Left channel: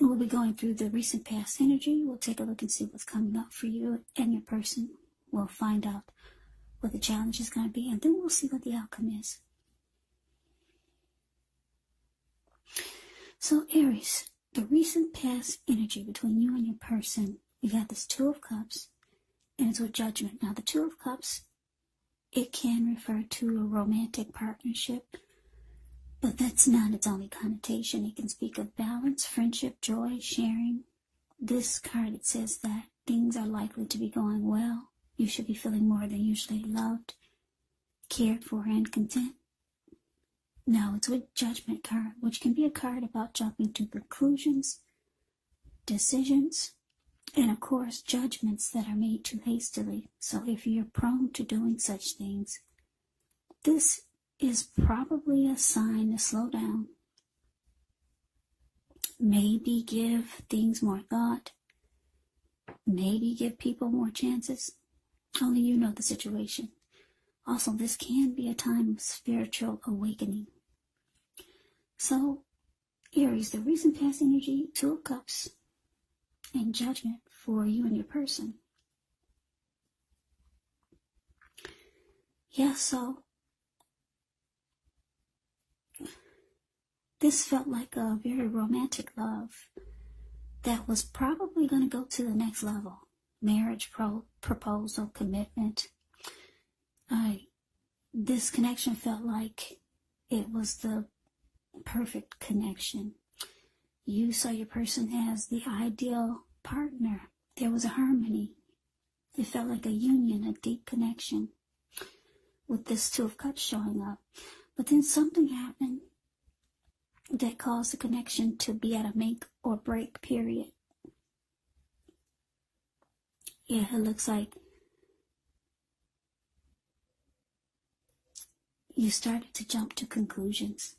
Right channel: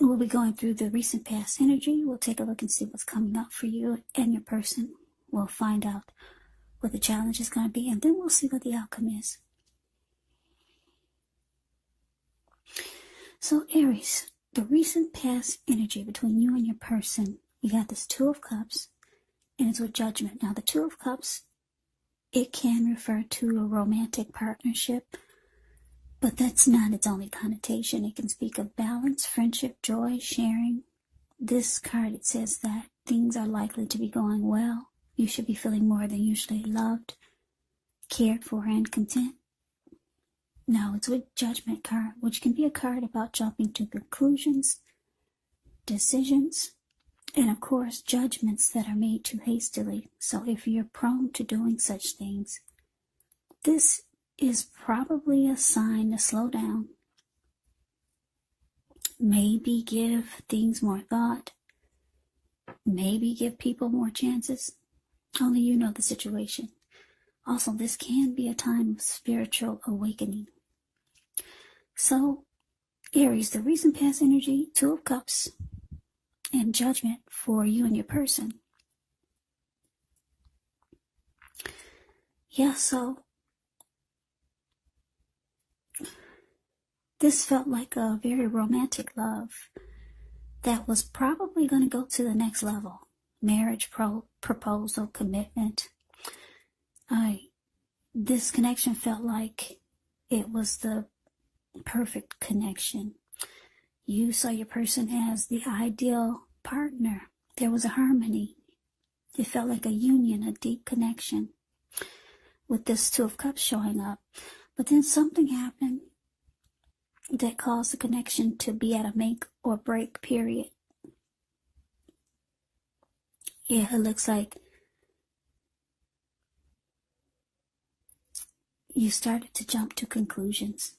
We'll be going through the recent past energy. We'll take a look and see what's coming up for you and your person. We'll find out what the challenge is going to be, and then we'll see what the outcome is. So, Aries, the recent past energy between you and your person, we've got this Two of Cups, and it's with Judgment. Now, the Two of Cups, it can refer to a romantic partnership, but that's not its only connotation. It can speak of balance, friendship, joy, sharing. This card, it says that things are likely to be going well. You should be feeling more than usually loved, cared for, and content. Now, it's with Judgment card, which can be a card about jumping to conclusions, decisions, and of course, judgments that are made too hastily. So if you're prone to doing such things, this is probably a sign to slow down. Maybe give things more thought. Maybe give people more chances. Only you know the situation. Also, this can be a time of spiritual awakening. So, Aries, the recent past energy, Two of Cups, and Judgment for you and your person. Yeah, so this felt like a very romantic love that was probably going to go to the next level. Marriage, proposal, commitment. This connection felt like it was the perfect connection. You saw your person as the ideal partner. There was a harmony. It felt like a union, a deep connection with this Two of Cups showing up. But then something happened that caused the connection to be at a make or break period. Yeah, it looks like you started to jump to conclusions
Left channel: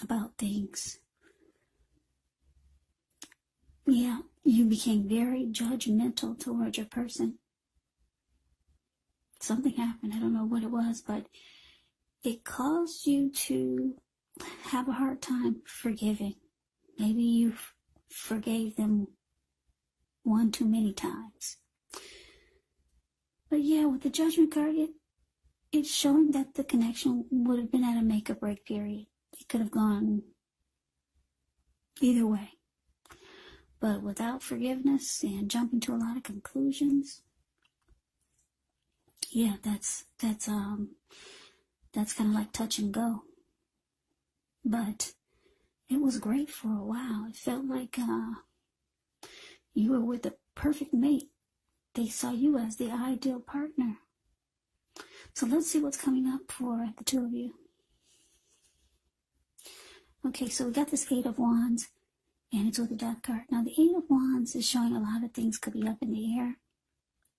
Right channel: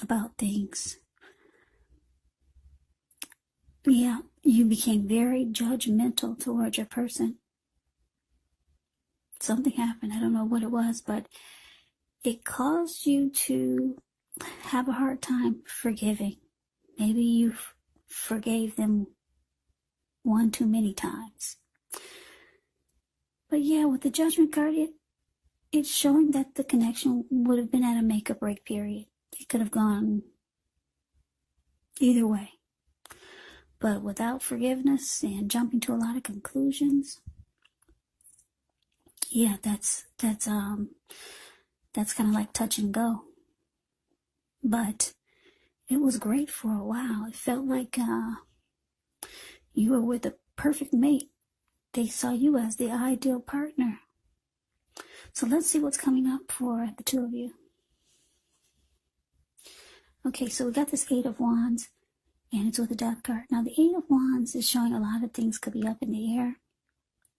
about things. Yeah, you became very judgmental towards your person. Something happened, I don't know what it was, but it caused you to have a hard time forgiving. Maybe you forgave them one too many times. But yeah, with the Judgment card, it's showing that the connection would have been at a make or break period. It could have gone either way. But without forgiveness and jumping to a lot of conclusions, yeah, that's kind of like touch and go. But it was great for a while. It felt like you were with the perfect mate. They saw you as the ideal partner. So let's see what's coming up for the two of you. Okay, so we got this Eight of Wands, and it's with the Death card. Now, the Eight of Wands is showing a lot of things could be up in the air.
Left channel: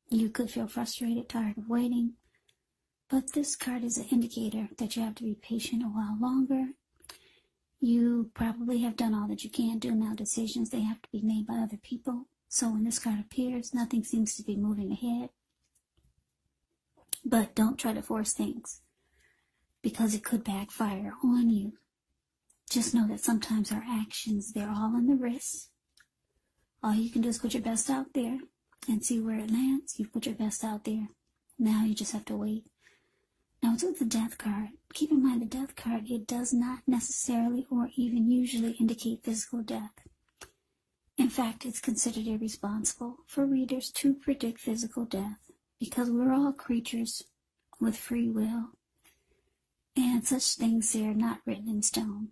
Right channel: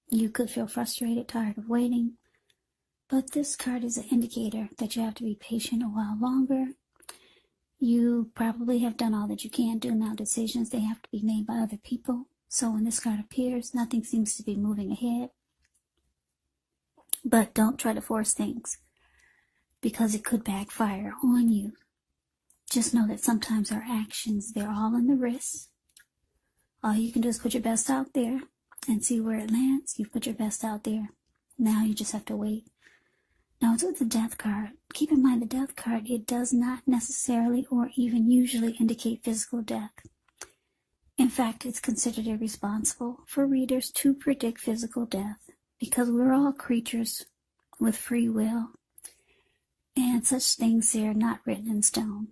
You could feel frustrated, tired of waiting. But this card is an indicator that you have to be patient a while longer. You probably have done all that you can do. Now decisions, they have to be made by other people. So when this card appears, nothing seems to be moving ahead. But don't try to force things, because it could backfire on you. Just know that sometimes our actions, they're all in the wrist. All you can do is put your best out there and see where it lands. You put your best out there. Now you just have to wait. Now, it's with the Death card. Keep in mind, the Death card, it does not necessarily or even usually indicate physical death. In fact, it's considered irresponsible for readers to predict physical death, because we're all creatures with free will, and such things, they're not written in stone.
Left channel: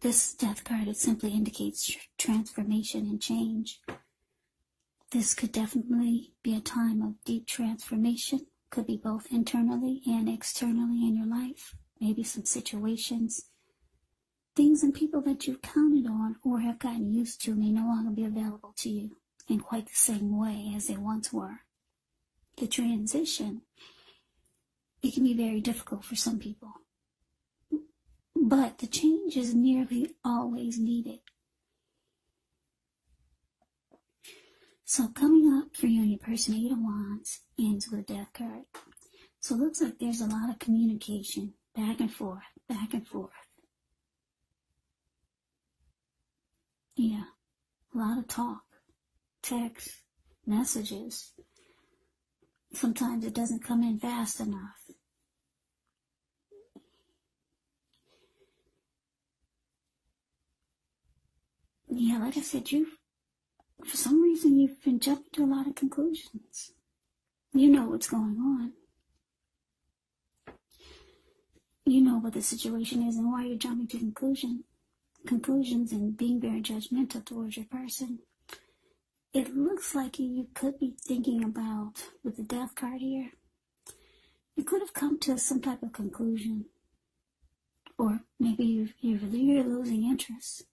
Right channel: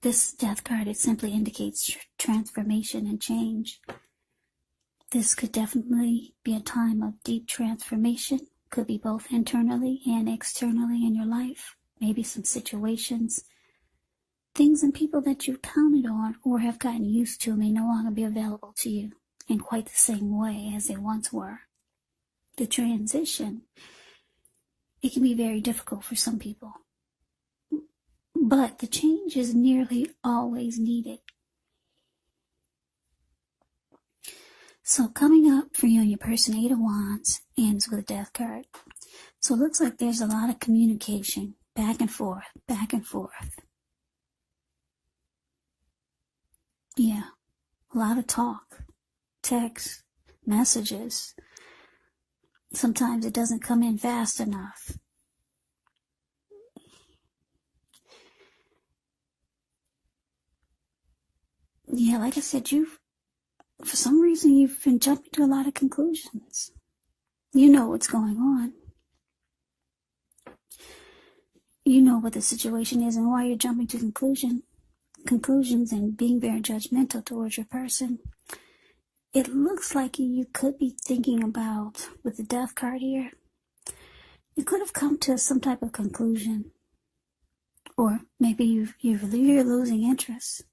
This Death card, it simply indicates transformation and change. This could definitely be a time of deep transformation. Could be both internally and externally in your life. Maybe some situations, things and people that you counted on or have gotten used to may no longer be available to you in quite the same way as they once were. The transition, it can be very difficult for some people. But the change is nearly always needed. So coming up for you and your person, Eight of Wands, ends with a Death card. So it looks like there's a lot of communication, back and forth, back and forth. Yeah, a lot of talk, text, messages. Sometimes it doesn't come in fast enough. Yeah, like I said, for some reason, you've been jumping to a lot of conclusions. You know what's going on. You know what the situation is and why you're jumping to conclusions and being very judgmental towards your person. It looks like you could be thinking about, with the Death card here, you could have come to some type of conclusion. Or maybe you're losing interest.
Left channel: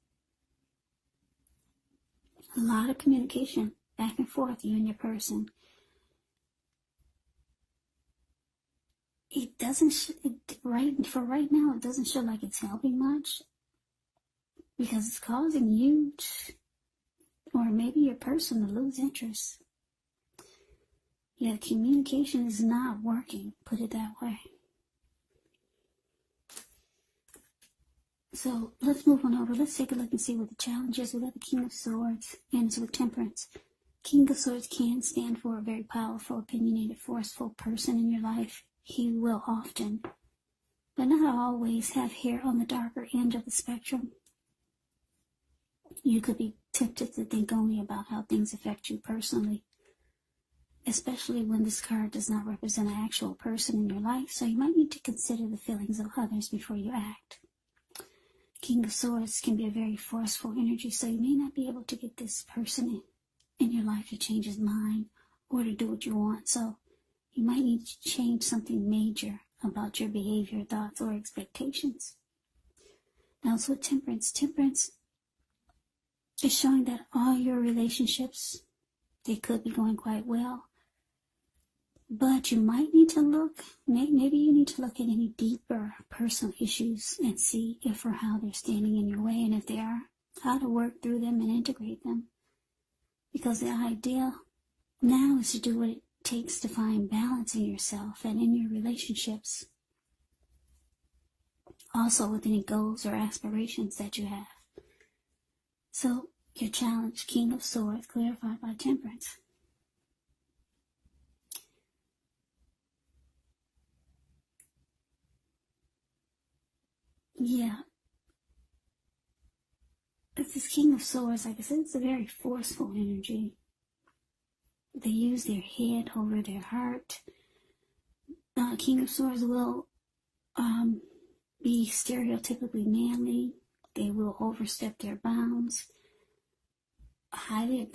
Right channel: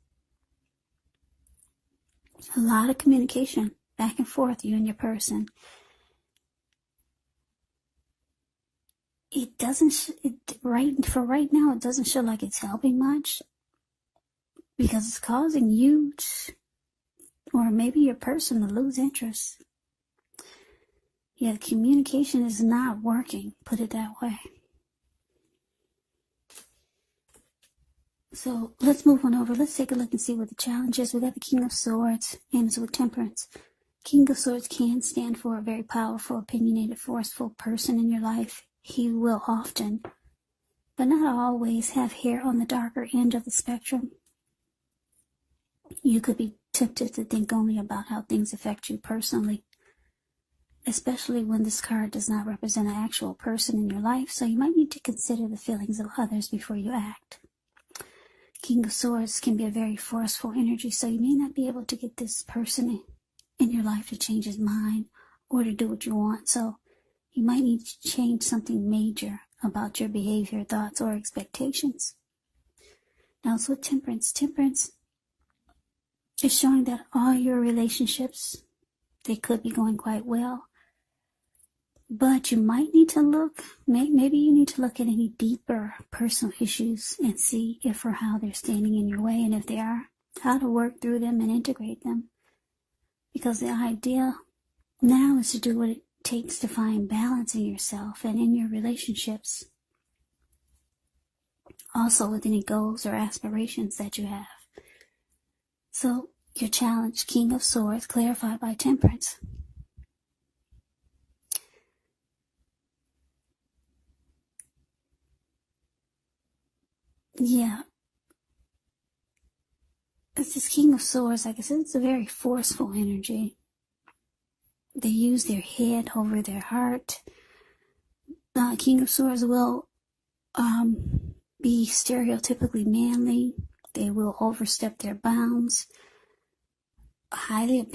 A lot of communication back and forth, you and your person. It doesn't, for right now, it doesn't show like it's helping much, because it's causing you, or maybe your person, to lose interest. Yeah, communication is not working, put it that way. So let's move on over. Let's take a look and see what the challenge is. We got the King of Swords and so Temperance. King of Swords can stand for a very powerful, opinionated, forceful person in your life. He will often, but not always, have hair on the darker end of the spectrum. You could be tempted to think only about how things affect you personally, especially when this card does not represent an actual person in your life, so you might need to consider the feelings of others before you act. King of Swords can be a very forceful energy, so you may not be able to get this person in your life to change his mind or to do what you want, so you might need to change something major about your behavior, thoughts, or expectations. Now, so Temperance is showing that all your relationships, they could be going quite well, but you might need to look, maybe you need to look at any deeper personal issues and see if or how they're standing in your way, and if they are, how to work through them and integrate them. Because the idea now is to do what it takes to find balance in yourself and in your relationships. Also with any goals or aspirations that you have. So, your challenge, King of Swords, clarified by Temperance. Yeah. This King of Swords, like I said, it's a very forceful energy. They use their head over their heart. King of Swords will be stereotypically manly. They will overstep their bounds. Highly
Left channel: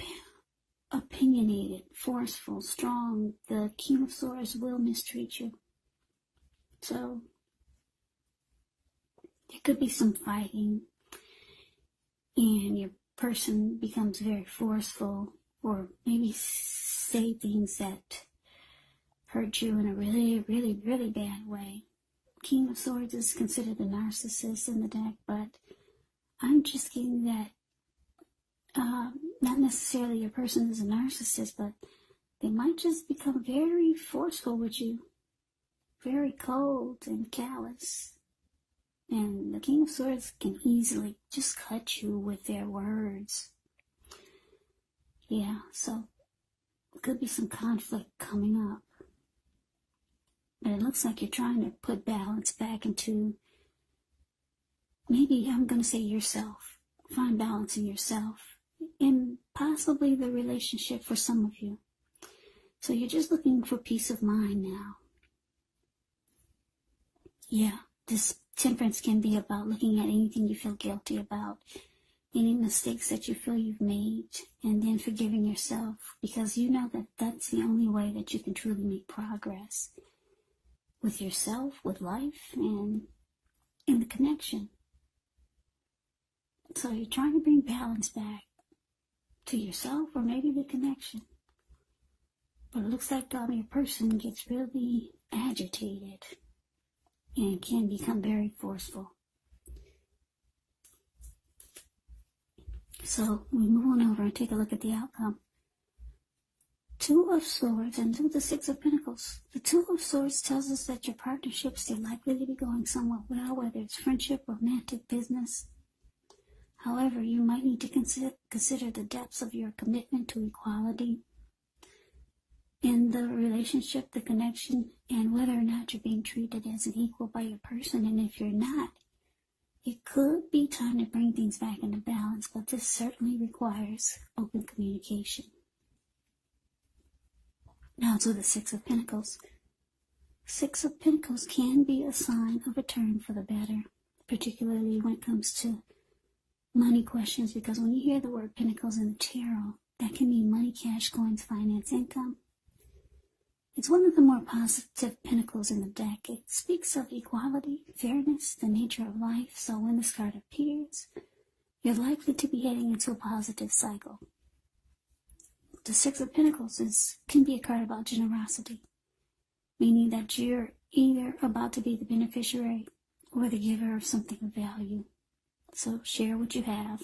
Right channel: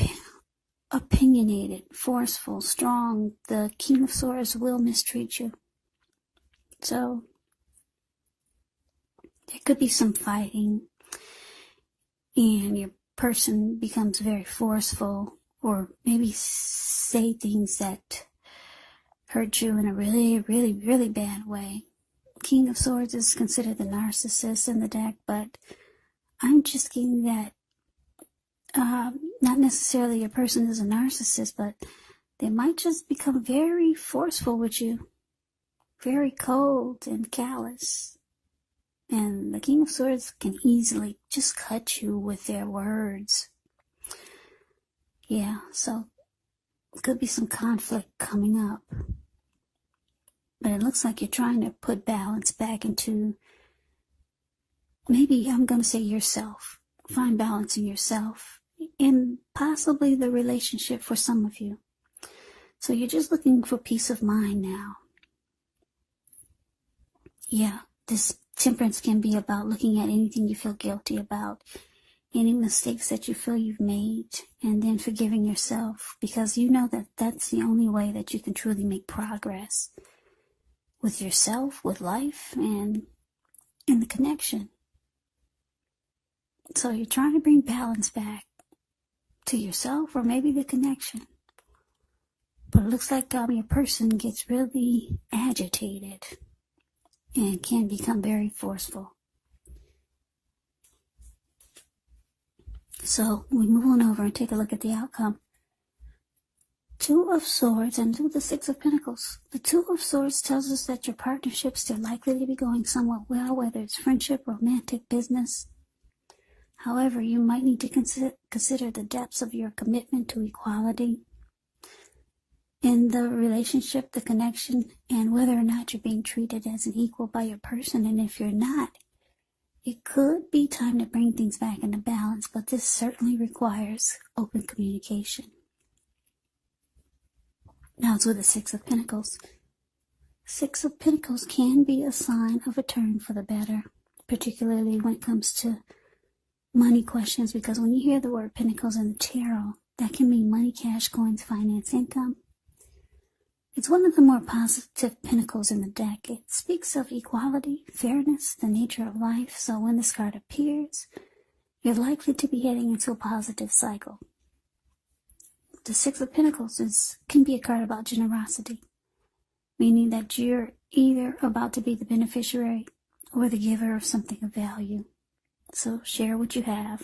opinionated, forceful, strong. The King of Swords will mistreat you. So, there could be some fighting, and your person becomes very forceful, or maybe say things that hurt you in a really, really, really bad way. King of Swords is considered the narcissist in the deck, but I'm just getting that not necessarily your person is a narcissist, but they might just become very forceful with you, very cold and callous. And the King of Swords can easily just cut you with their words. Yeah, so it could be some conflict coming up. But it looks like you're trying to put balance back into, maybe I'm going to say yourself. Find balance in yourself and possibly the relationship for some of you. So you're just looking for peace of mind now. Yeah, this Temperance can be about looking at anything you feel guilty about, any mistakes that you feel you've made, and then forgiving yourself, because you know that that's the only way that you can truly make progress with yourself, with life, and in the connection. So you're trying to bring balance back to yourself, or maybe the connection. But it looks like your person gets really agitated and can become very forceful. So we move on over and take a look at the outcome. Two of Swords and the Six of Pentacles. The Two of Swords tells us that your partnership's still likely to be going somewhat well, whether it's friendship, romantic, business. However, you might need to consider the depths of your commitment to equality in the relationship, the connection, and whether or not you're being treated as an equal by your person. And if you're not, it could be time to bring things back into balance, but this certainly requires open communication. Now to the Six of Pentacles. Six of Pentacles can be a sign of a turn for the better, particularly when it comes to money questions, because when you hear the word Pentacles in the tarot, that can mean money, cash, coins, finance, income. It's one of the more positive pentacles in the deck. It speaks of equality, fairness, the nature of life. So when this card appears, you're likely to be heading into a positive cycle. The Six of Pentacles can be a card about generosity, meaning that you're either about to be the beneficiary or the giver of something of value. So share what you have.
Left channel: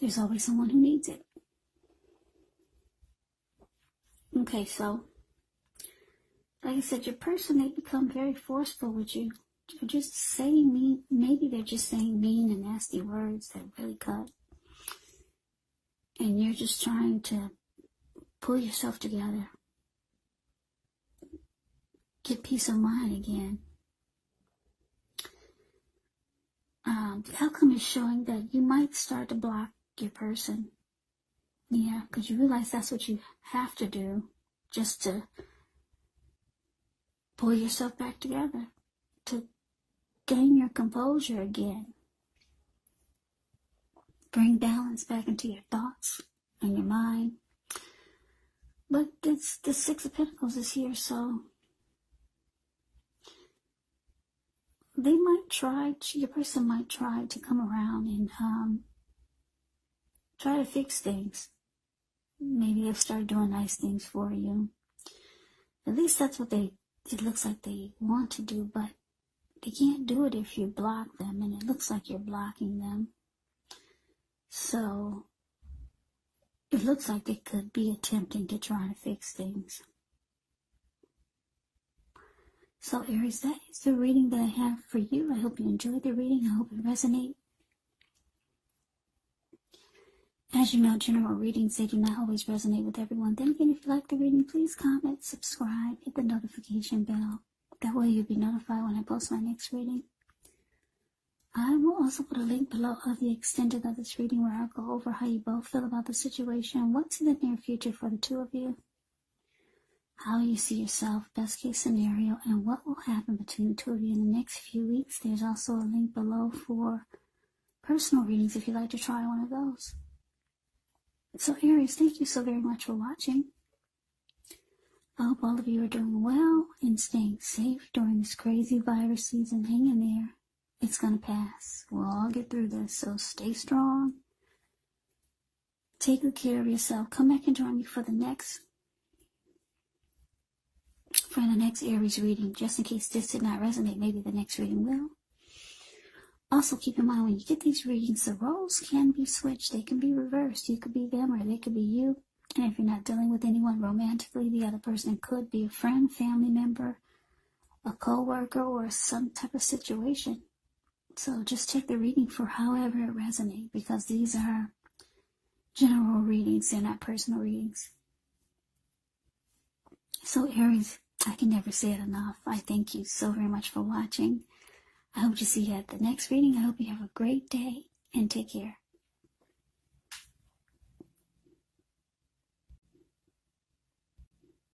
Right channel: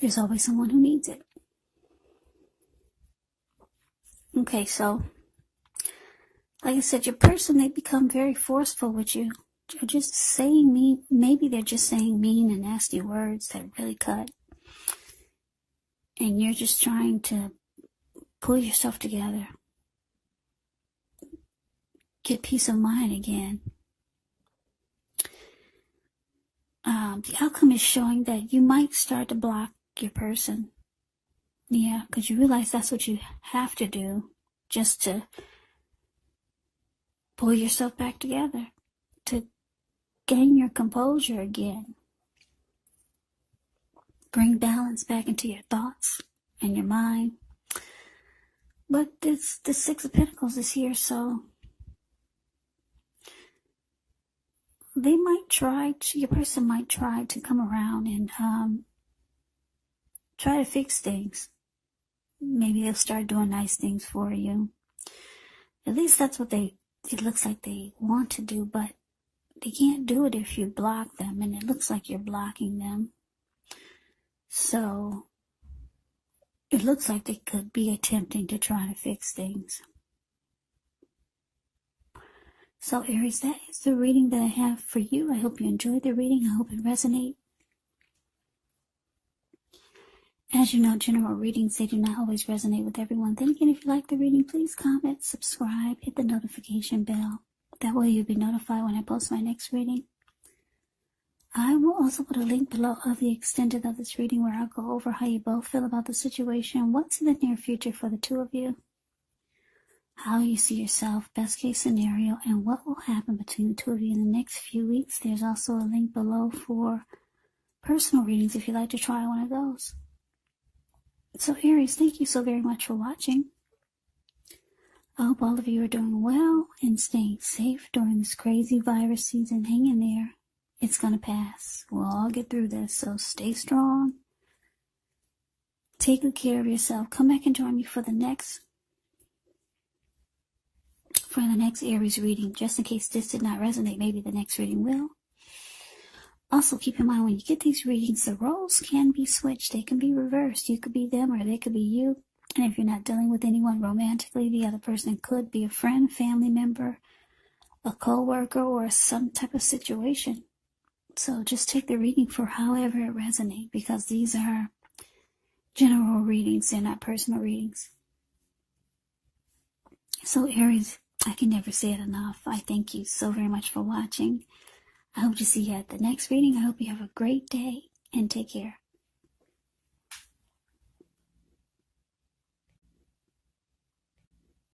There's always someone who needs it. Okay, so like I said, your person, they become very forceful with you. They're just saying mean, maybe they're just saying mean and nasty words that really cut. And you're just trying to pull yourself together. Get peace of mind again. The outcome is showing that you might start to block your person. Yeah, because you realize that's what you have to do just to pull yourself back together, to gain your composure again. Bring balance back into your thoughts and your mind. But the Six of Pentacles is here, so they might try to, your person might try to come around and try to fix things. Maybe they'll start doing nice things for you. At least that's what it looks like they want to do, but they can't do it if you block them, and it looks like you're blocking them. So it looks like they could be attempting to try to fix things. So Aries, that is the reading that I have for you. I hope you enjoyed the reading. I hope it resonates. As you know, general readings, they do not always resonate with everyone. Then again, if you like the reading, please comment, subscribe, hit the notification bell. That way you'll be notified when I post my next reading. I will also put a link below of the extended of this reading where I'll go over how you both feel about the situation, what's in the near future for the two of you, how you see yourself, best case scenario, and what will happen between the two of you in the next few weeks. There's also a link below for personal readings if you'd like to try one of those. So Aries, thank you so very much for watching. I hope all of you are doing well and staying safe during this crazy virus season. Hang in there. It's going to pass. We'll all get through this, so stay strong. Take good care of yourself. Come back and join me for the next Aries reading. Just in case this did not resonate, maybe the next reading will. Also, keep in mind, when you get these readings, the roles can be switched. They can be reversed. You could be them or they could be you. And if you're not dealing with anyone romantically, the other person could be a friend, family member, a co-worker, or some type of situation. So just take the reading for however it resonates, because these are general readings. They're not personal readings. So Aries, I can never say it enough. I thank you so very much for watching. I hope to see you at the next reading. I hope you have a great day and take care.